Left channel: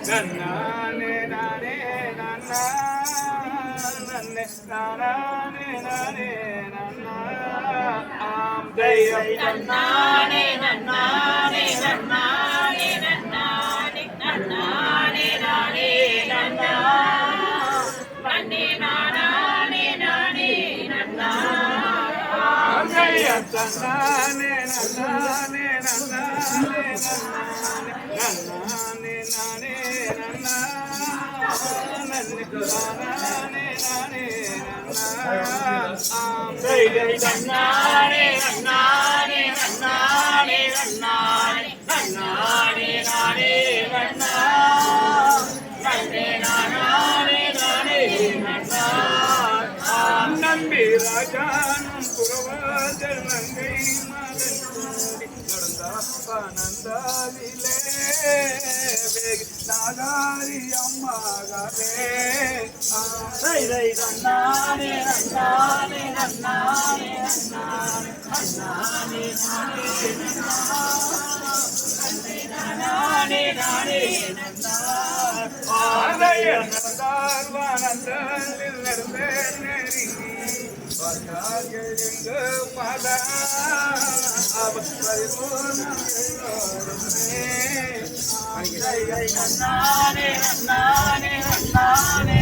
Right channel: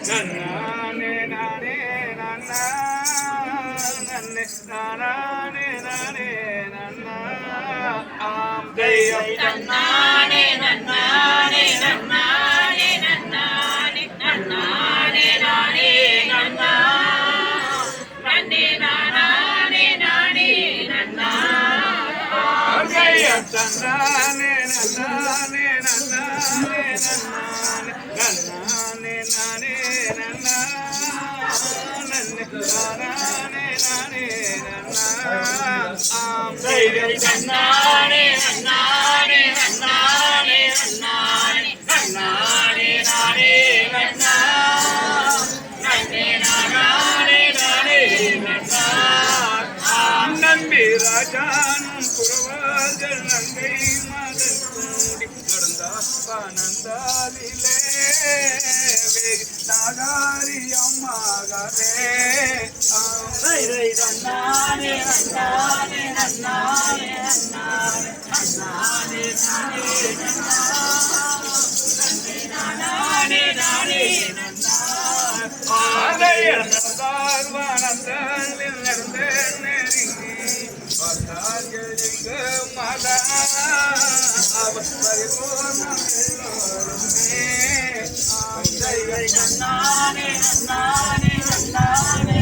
நன்னானே நானே நன்னா நன்னே நானே நானே நன்னா ஆம் தெய்வம் நன்னானே நன்னானே நன்னானே நன்னானே நன்னானே நானே நன்னா நன்னே நானே நானே நன்னா ஆம் தெய்வம் நன்னானே நன்னானே நன்னானே நன்னானே நன்னானே நன்னா நன்னே நானே நானே நன்னா ஆம் தெய்வம் நன்னானே நன்னானே நன்னானே நன்னானே நன்னானே நானே நன்னா நன்னே நானே நானே நன்னா நம்பி ராஜானும் புறவாதல் நங்கை மதன் கூடி நடந்தானந்தாலிலே வேதி நாதாரி அம்மாகவே நன்னானே நன்னானே நன்னானே நன்னானே நன்னானே நானே நன்னா நன்னே நானே நானே நன்னா நடந்தார் வானந்தாளில் நடந்த நெருங்கி பார்த்தார்கள் எங்க மதா அவர் பரிபூர்ணம் எல்லோருமே நன்னானே நன்னானே நன்னானே